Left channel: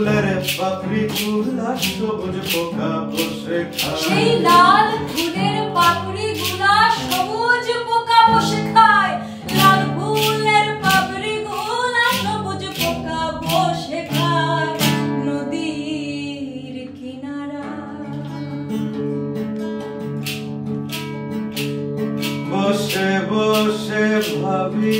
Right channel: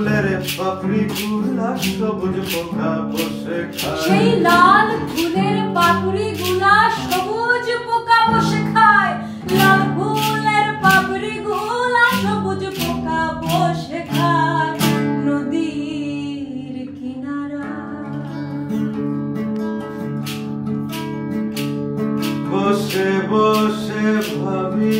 ফুলের পাপড়ি গুলা সবুজ পোকা বসে খায়। সেই লাল ফুলের পাপড়ি গুলা সবুজ পোকা বসে খায়। লাল ফুলের পাপড়ি গুলা সবুজ পোকা বসে খায়। নদীর কিনারা বসে বসে ভাবি